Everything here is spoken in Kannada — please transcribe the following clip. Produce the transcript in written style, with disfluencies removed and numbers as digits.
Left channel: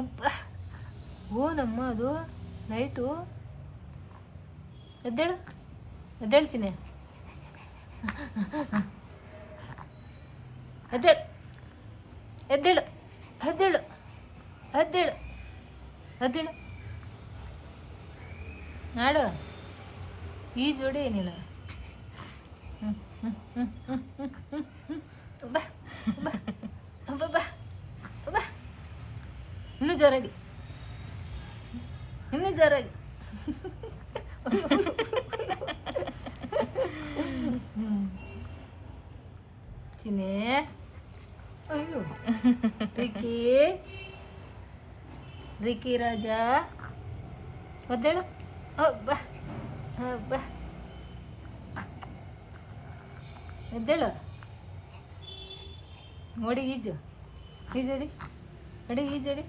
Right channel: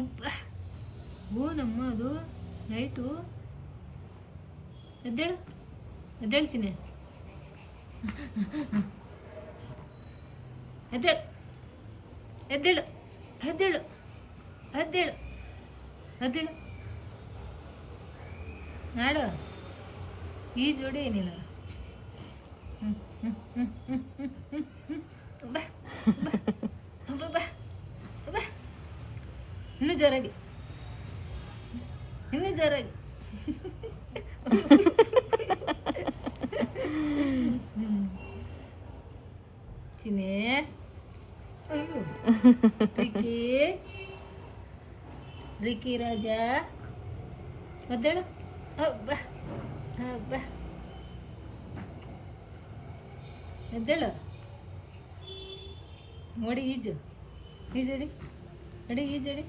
ಅಬ್ಬ ಓನಮ್ಮ ಅದು ಲೈಟು. ಎದ್ದೇಳು ಎದ್ದೇಳು ಚಿನ್ನೆ, ಎದ್ದೇಳು ಎದ್ದೇಳು ಎದ್ದೇಳು ಎದ್ದೇಳು ಎದ್ದೇಳು ನಾಡು ಈ ಜೋಡಿ ನೀನು. ಬಾ ಬಾ ಬಾ ಬಾ ಬಾ, ಇನ್ನೂ ಜೋರಾಗಿ, ಇನ್ನೂ ಜೋರಾಗಿ. ಚಿನ್ನೆ, ಅಯ್ಯೋ ರಿಕ್ಕಿ ರಿಕ್ಕಿ ರಾಜ ಒದ್ದೇಳು. ಹಬ್ಬ ಹಬ್ಬ ಎದ್ದೇಳು, ನೋಡಿ ಈಜು ಈಜಡಿ, ನಡಿ ಈಜಡಿ.